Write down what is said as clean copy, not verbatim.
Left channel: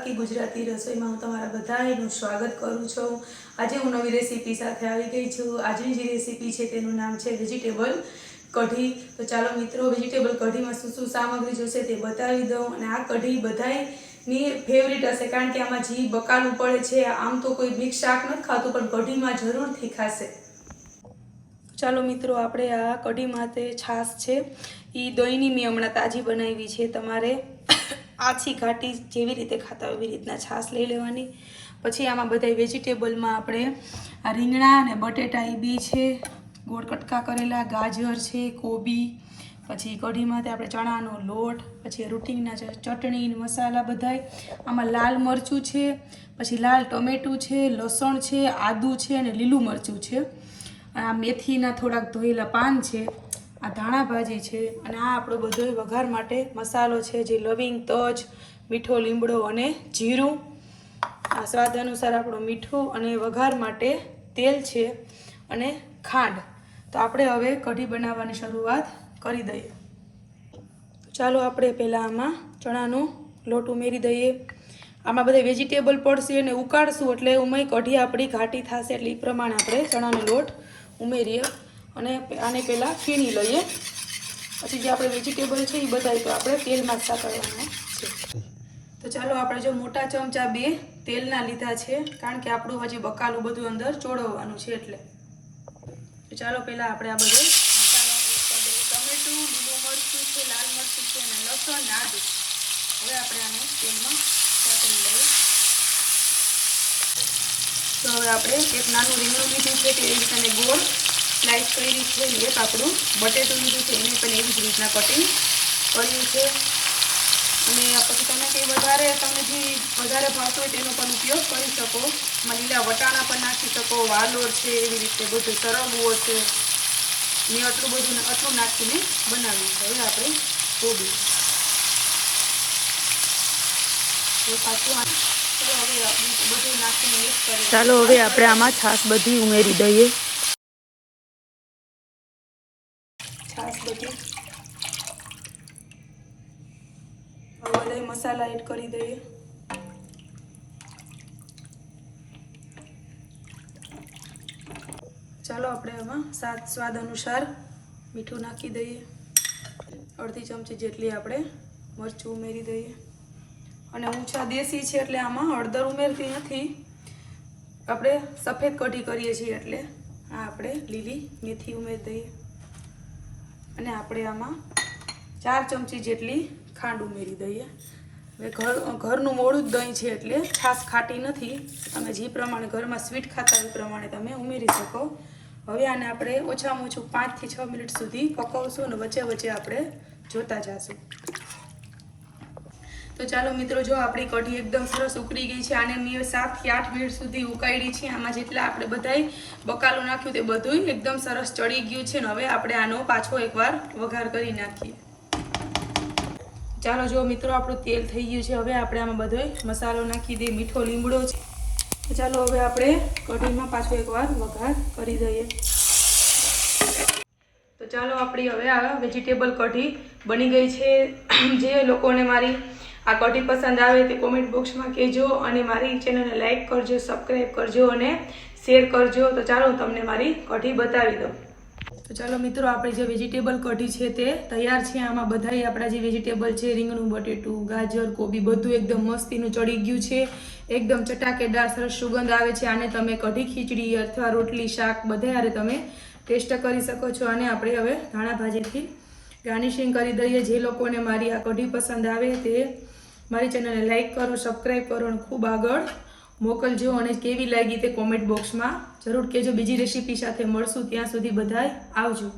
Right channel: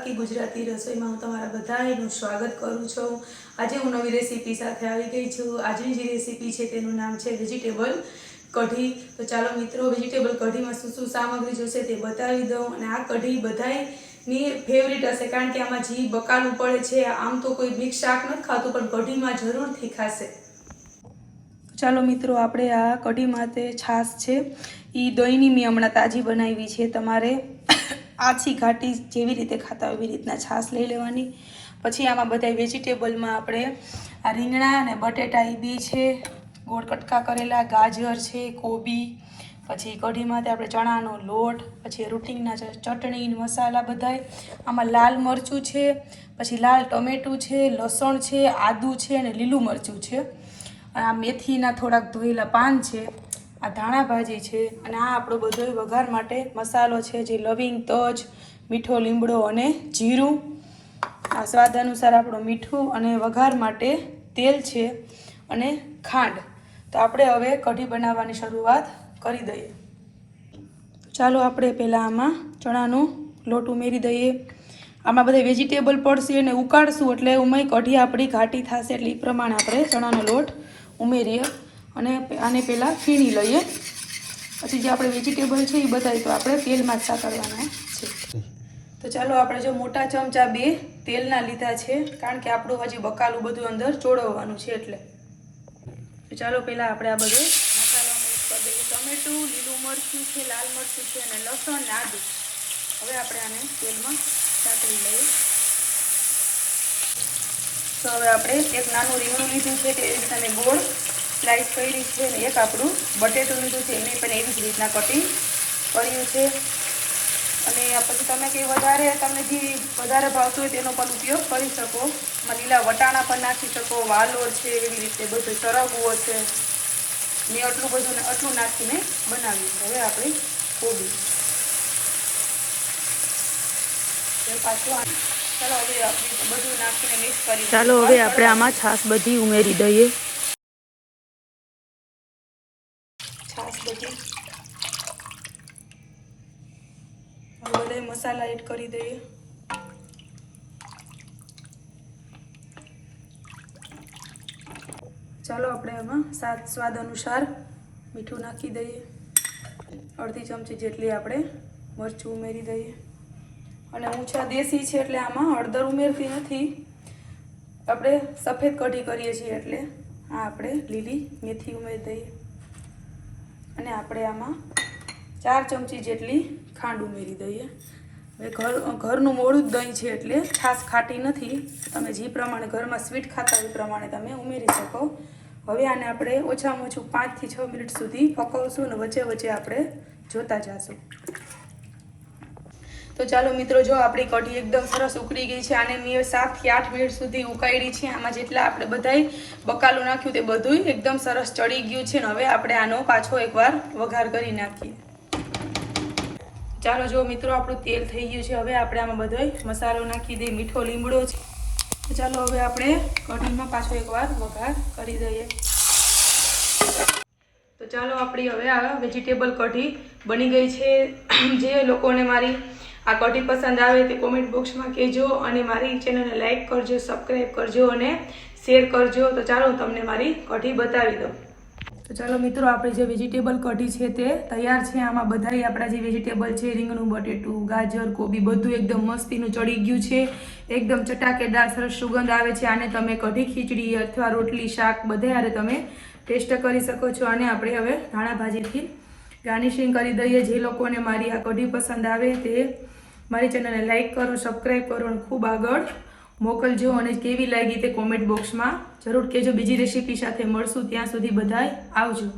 શિલ્પાકી ગુજરાતી રસોઈમાં હું તમારા બધાનું સ્વાગત કરું છું। આજે હું નવી રેસીપી સાથે આવી ગઈ છું। આજની જે રેસીપી છે તેનું નામ છે વેજીટેબલ કઢી। તો ચાલો મિત્રો, વેજીટેબલ કઢીમાં શું શું સામગ્રી જોશે તે બતાવી દઉં। અને આ કઢી બધાની ફેવરિટ હશે, કારણ કે આમાં જે બકાલું પડે છે, આમ તો કોઈ મિક્સ શાક નથી ખાતું, પણ કઢીમાં જરૂરથી ખાશે। ચાલો મિત્રો, આપણે આ કઢી માટે છાશ છે એ દહીંની મેં હમણાં તાજી બનાવી છે। તમારે આછી ઘાટી જેવી રીતે ખાતા એવી રીતના છાશ લઈ લેવાની। પછી આમાં બધા વેજીટેબલમાં આપણે આ રીંગણા અને બટેટા એ બી છે, ગોળ કટકા કરેલા, ગાજર છે, કોબી, પછી કઢી માટે આપણે ચણાનો લોટ, પછી રૂટિંગના ચટણી મસાલા બધાય, આમાં લાલ મરચું છે, પછી લાલ ટમેટું છે, લસણ છે, આદું છે અને લીલું મરચું છે। આ મેથીના થોડાક ધોયેલા પાન છે, આ ધાણા ભાજી છે, અને આ આપણો બધો વઘાર માટે મસાલો છે, જે લવિંગ, તજ, મીઠો લીમડો અને જીરું, આ સ્વાદ અનુસાર આપણું મીઠું, અને વઘાર માટે તેલ છે અને ખાંડ। તો આપણે હવે કઢી બનાવવાની શરૂઆત કરી દઈએ। ચાલો આપણે પહેલાં આમાં ચણાનો લોટ ઉમેરી દઈએ। આમાં બધા વેજીટેબલ પડશે અને ઉકાળશું એટલે ઉમાઈ કઢી આપણી ઘાટી થશે, એટલે એ પ્રમાણે આપણે ચણાનો લોટ ઉમેરીએ અને આને પહેલાં ફીણી લઈએ। પછી જે આપણે વેજીટેબલ છે એ બધા તો આપણે તેલમાં જ સાતળવાના છે। તો ચાલો, આપણે જો મોટા ચમચા 2 તેલના લીધા છે, કારણ કે આપણું હજી બકાલું બધું અંદર ચોળવવાનું છે એટલે। તો ચાલો પહેલાં આપણે આ બધું ટમેટું, લીલું મરચું છે, લાલ મરચું છે અને લસણ અને આદું, હવે આપણે આને તેલમાં સાતળી લઈએ। તો હવે આપણે એક નાનું રીંગણું લીધું છે કે એવી રીતના ગોળ સ્લાઇસ કરી છે, અને એક આપણું બટેટું લીધું છે, એની પણ એવી જ રીતના કટિંગ કર્યું છે। અને પછી તમે જે તમને જે વધારે ભાવતો હોય તેનો પણ ઉપયોગ કરી શકો। લીલા વટાણા પણ નાખી શકો, વાલોળ છે, એવી રીતે બધું સરગવો છે, મેં આટલું નાખીને બનાવ્યું છે। હવે આપણી કોબી ચાલો, હવે આપણે આમાં છાશ બધી ઉમેરી દઈએ। છાશ બધી હવે મસાલા એડ કરી દઈએ। ચાલો, આપણે એમાં સ્વાદ અનુસાર મીઠું નાખી દઈએ। અડધી ચમચી જેટલી આપણે મરચું ઉમેરી દઈએ। અને ઊંચા દેશી છે એટલે આમાં હળદર ઉમેરતી નથી, આપણે સફેદ કઢી કરીએ છીએ એટલે આ આપણે લીલી મેથી ઉમેરી દઈએ। અને આપણે આમાં 4 ચમચી જેટલી ખાંડ ઉમેરી દઈએ। ઘરનું મોળું જ દહીં છે એટલે ખાસ ખાટી નથી, તમે જે પ્રમાણે ઘરમાં સ્વીટ ખાતા હોય એ પ્રમાણે તમે ઉમેરી શકો। હવે આને આપણે ઓછામાં ઓછું 5 થી 6 મિનિટ સુધી પકવશું અને વચ્ચે વચ્ચે આપણે જોતા જશું। તો ચાલો મિત્રો, જો આપણી કઢી એકદમ સરસ ઉકળી ગઈ છે, આને મેં 7 થી 8 મિનિટ સુધી ઉકાળી છે। આમાં જેટલા આપણે બધાય બકાલું નાખ્યું તે બધું એકદમ સરસ ચડી ગયું છે, ને હવે આપણે આનો પાછો એકવાર વઘાર કરી નાખીએ। ચાલો જો મિત્રો, આપણું તેલ થઈ ગયું છે, હવે આપણે આમાં બધો મસાલો નાખી દઈએ, મીઠો લીમડો છે। તો ચાલો, હવે આપણે કઢીમાં પાછો એકવાર વઘાર કરી દઈએ। તો ચાલો, આપણી હવે આ વેજીટેબલ કઢી બની ગઈ છે। જે લોકોને મારી આ કઢી પસંદ આવે તે કોમેન્ટ બોક્સમાં કહેજો, અને મારી ચેનલને લાઈક કરજો, સબસ્ક્રાઈબ કરજો અને શેર કરજો। તો ચાલો, હું તમને મારી કઢી બતાવી દઉં। તો ચાલો મિત્રો, આપણી જે વેજીટેબલ કઢી છે તે તૈયાર છે। આમાં બધાય આપણા જે વેજીટેબલ છે, રીંગણું, બટેટું, ગાજર, કોબી, બધું એકદમ મસ્તીનું ચડી ગયું છે, એકદમ ચટાકેદાર સરસ સુગંધ આવે છે। આને તમે કઢી, ખીચડી અથવા રોટલી, શાક બધે હારે તમે ટેસ્ટ કરી શકો છો। અને આપણે હવે ધાણા ભાજીથી ગાર્નિશિંગ કરી દઈએ। જે લોકોને મારી આ કઢી પસંદ આવે તે મારી ચેનલને લાઈક કરો, સબસ્ક્રાઈબ કરો અને ખૂબ આગળ મોકલજો। અને કેવી લાગી તે કોમેન્ટ બોક્સમાં જરૂર કહેજો। બીજી રેસીપી સાથે મળશું, ત્યાં સુધી બધાય આવજો।